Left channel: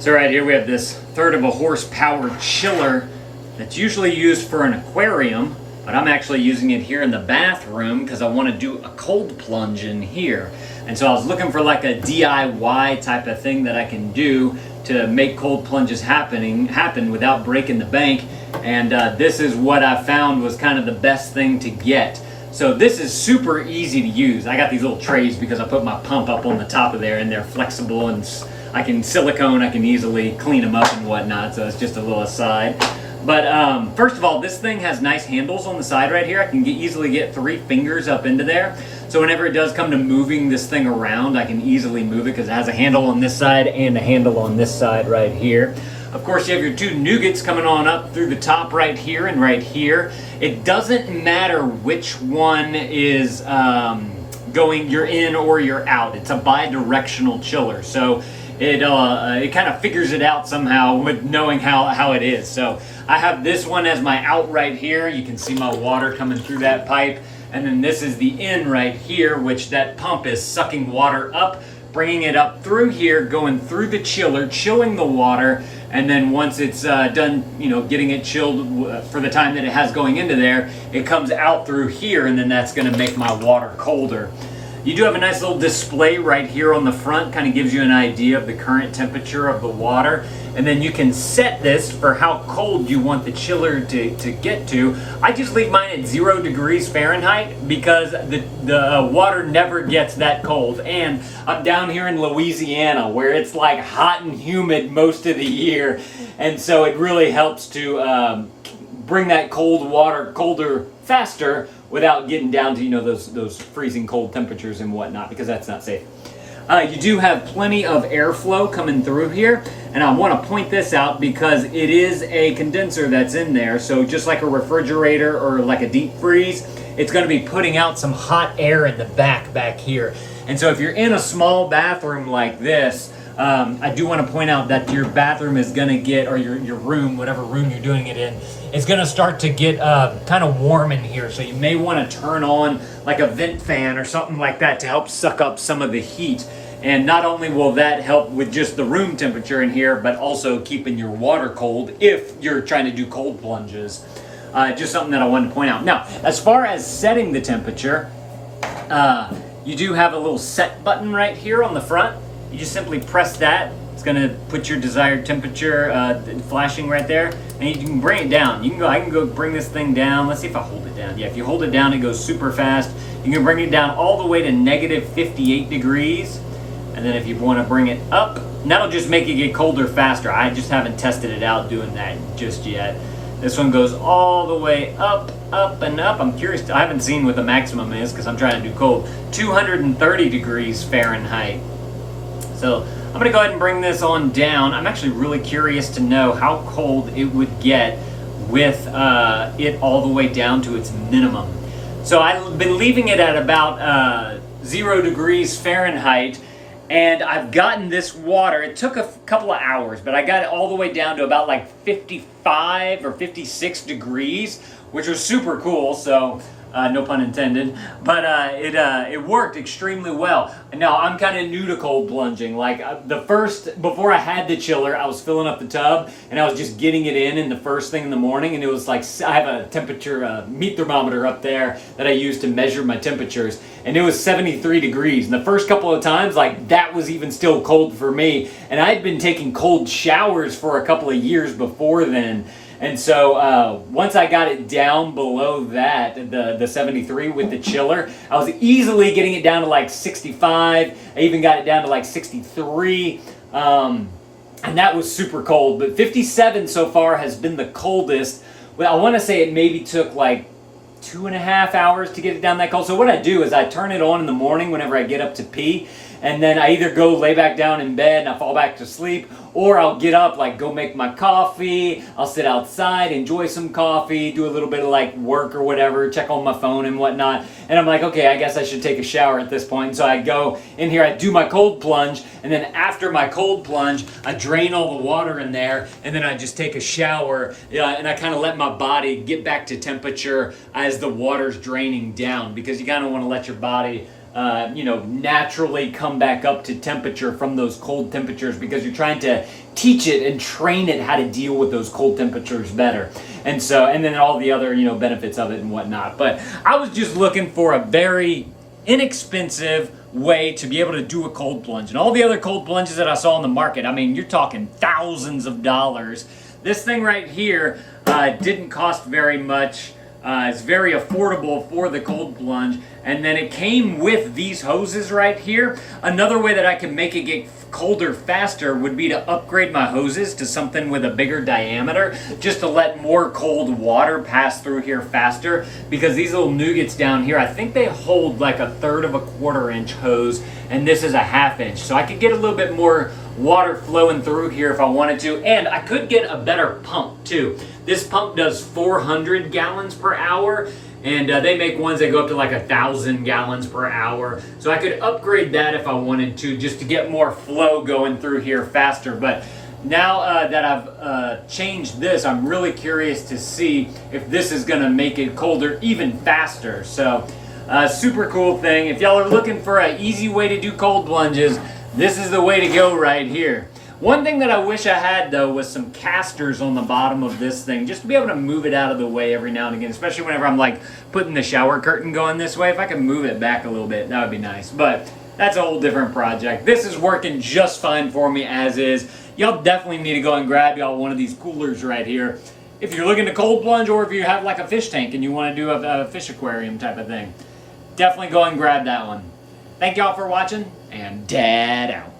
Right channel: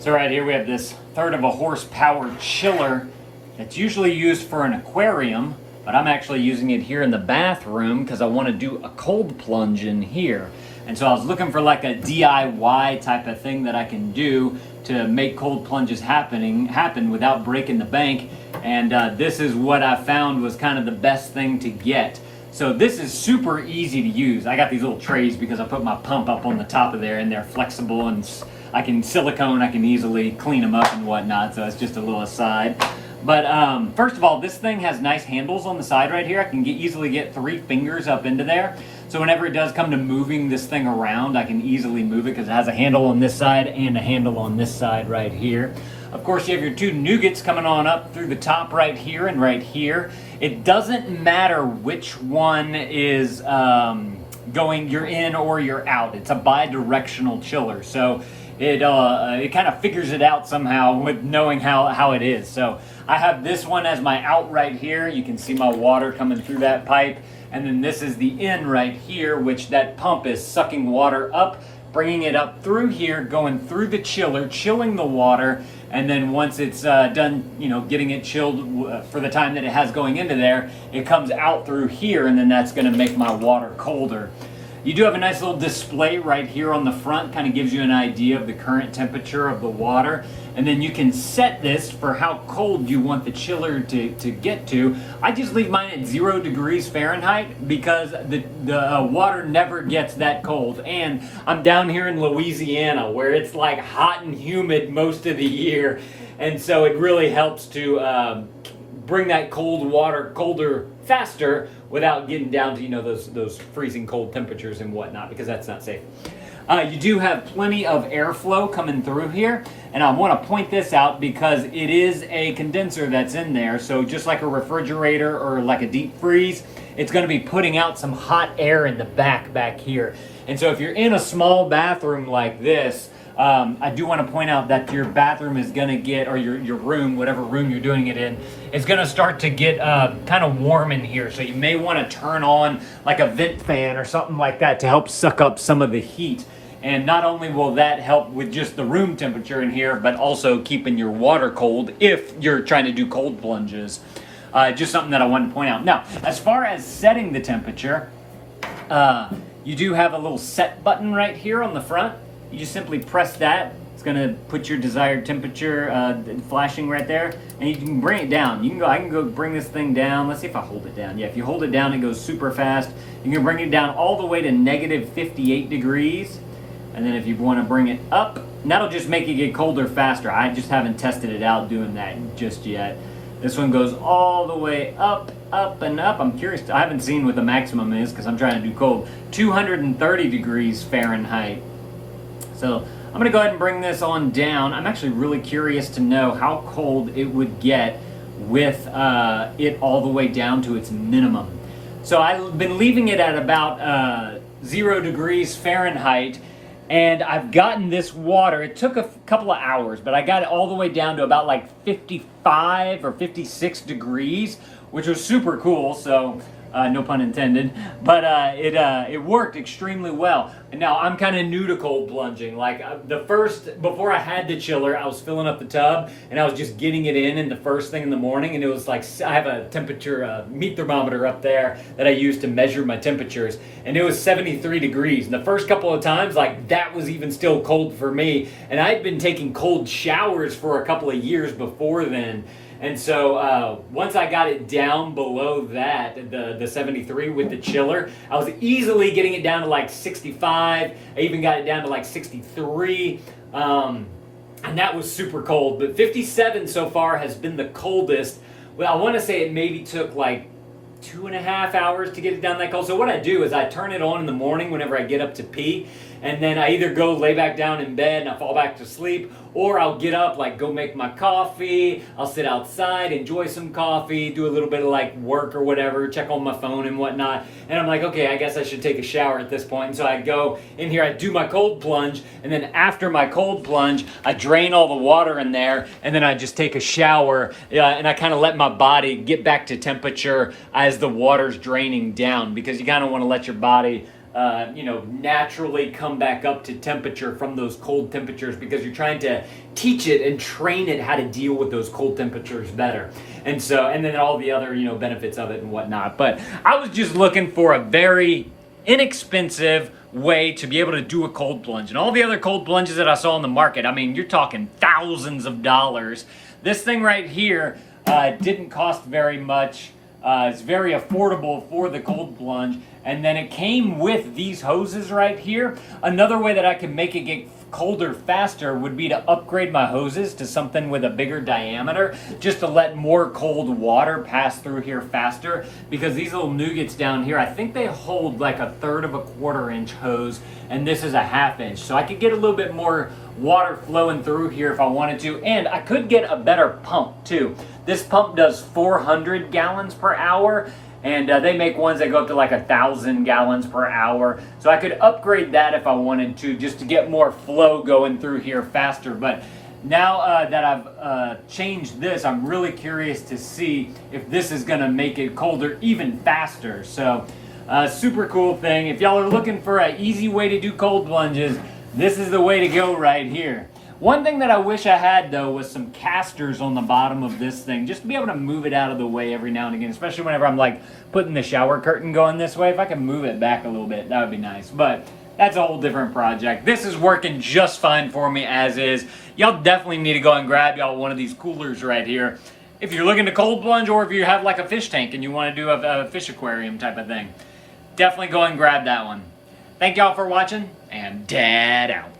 So right here we have this third of a horsepower chiller that's usually used for an aquarium, but I'm actually using it here in the bathroom because I want to do a cold plunge in here. And so I was looking for like a DIY type of thing that I can do to make cold plunges happen without breaking the bank. And this is what I found was kind of the best thing to get. So this is super easy to use. I got these little trays because I put my pump up on the top of there, and they're flexible, and I can easily clean them up and whatnot. So it's just a little aside. But first of all, this thing has nice handles on the side right here. I can easily get 3 fingers up into there. So whenever it does come to moving this thing around, I can easily move it because it has a handle on this side and a handle on this side right here. Of course, you have your 2 nougats coming on up through the top right here and right here. It doesn't matter which one is you're in or you're out. It's a bi-directional chiller. So it kind of figures it out somehow with knowing how it is. So I have this one as my out right here. You can see my water coming through that pipe. And then this is the in right here, which that pump is sucking water up, bringing it up through here, going through the chiller, chilling the water. And then once it's done, getting it chilled for the time that it has going into there, it comes out through here, and then that's going to make my water colder. You do have a nice little display right here on the front, kind of gives you an idea of the current temperature of the water. And then you can set this for how cold you want the chiller to get to. I just leave mine at 0 degrees Fahrenheit because the water never gets that cold. And I'm down here in Louisiana where it's like hot and humid most of the year. And so it really helps to bring that cold water colder faster without getting down to those freezing cold temperatures and whatnot, because that's not safe. You do have plenty of airflow coming through here, and I want to point this out because it is a condenser that's in there. So just like a refrigerator or like a deep freeze, it's going to be putting out some hot air in the back here. And so if you're in a small bathroom like this, I do want to point out that your bathroom is going to get, or your room, whatever room you're doing it in, is going to start to get kind of warm in here. So you may want to turn on like a vent fan or something like that to help suck up some of the heat. And not only will that help with just the room temperature in here, but also keeping your water cold if you're trying to do cold plunges. Just something that I wanted to point out. Now, as far as setting the temperature, you do have a little set button right here on the front. You just simply press that. It's going to put your desired temperature flashing right there, and you can bring it down. I can go bring this thing down. Let's see if I hold it down. Yeah, if you hold it down, it goes super fast. You can bring it down all the way to negative 58 degrees. And then if you want to bring it up, and that'll just make it get colder faster. I just haven't tested it out doing that just yet. This one goes all the way up, and up. I'm curious. I haven't seen what the maximum is because I'm trying to do cold. 230 degrees Fahrenheit. So I'm going to go ahead and bring this on down. I'm actually really curious to know how cold it would get with it all the way down to its minimum. So I've been leaving it at about 0 degrees Fahrenheit. And I've gotten this water, it took a couple of hours, but I got it all the way down to about like 55 or 56 degrees, which was super cool, so no pun intended. But it worked extremely well. Now, I'm kind of new to cold plunging. Like before I had the chiller, I was filling up the tub, and I was just getting it in the first thing in the morning, and it was like, I have a temperature meat thermometer up there that I use to measure my temperatures, and it was 73 degrees. And the first couple of times, like, that was even still cold for me, and I'd been taking cold showers for a couple of years before then. And so once I got it down below that, the 73 with the chiller, I was easily getting it down to like 65. I even got it down to like 63. And that was super cold. But 57 so far has been the coldest. Well, I want to say it maybe took like 2.5 hours to get it down that cold. So what I do is I turn it on in the morning whenever I get up to pee, and then I either go lay back down in bed and I fall back to sleep, or I'll get up, like go make my coffee, I'll sit outside, enjoy some coffee, do a little bit of like work or whatever, check on my phone and whatnot, and I'm like, okay, I guess I should take a shower at this point. And so I go in here, I do my cold plunge, and then after my cold plunge, I drain all the water in there, and then I just take a shower, and I kind of let my body get back to temperature as the water's draining down, because you kind of want to let your body naturally come back up to temperature from those cold temperatures, because you're trying to teach it and train it how to deal with those cold temperatures better. And then all the other, benefits of it and whatnot. But I was just looking for a very inexpensive way to be able to do a cold plunge. And all the other cold plunges that I saw on the market, I mean, you're talking thousands of dollars. This thing right here didn't cost very much. It's very affordable for the cold plunge. And then it came with these hoses right here. Another way that I could make it get colder faster would be to upgrade my hoses to something with a bigger diameter, just to let more cold water pass through here faster, because these little nougats down here, I think they hold like 1/3 of a 1/4 inch hose, and this is a 1/2 inch. So I could get a little bit more water flowing through here if I wanted to, and I could get a better pump too. This pump does 400 gallons per hour, and they make ones that go up to like 1,000 gallons per hour. So I could upgrade that if I wanted to, just to get more flow going through here faster. But now that I've changed this, I'm really curious to see if this is gonna make it colder even faster. So super cool thing. If y'all are looking for an easy way to do cold plunges, this is the way to go right here. One thing that I wish I had, though, was some casters on the bottom of this thing, just to be able to move it out of the way every now and again, especially whenever I'm like putting the shower curtain going this way. If I can move it back a little bit, that would be nice. But that's a whole different project. This is working just fine for me as is. Y'all definitely need to go and grab y'all one of these coolers right here if you're looking to cold plunge, or if you have like a fish tank and you want to do a fish aquarium type of thing. Definitely go and grab that one. Thank y'all for watching, and Dad out.